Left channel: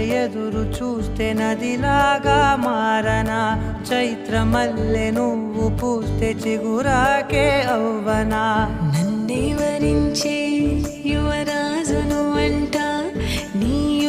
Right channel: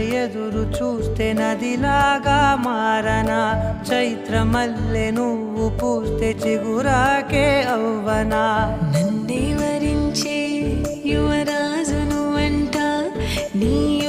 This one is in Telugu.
ఎదురు చూస్తే నదిలాగా మారనా, చైత్రమల్లె నువ్వు పూస్తే చిగురాకే అవ్వనా. నన్నే వరించే యువరాజును అంట నీ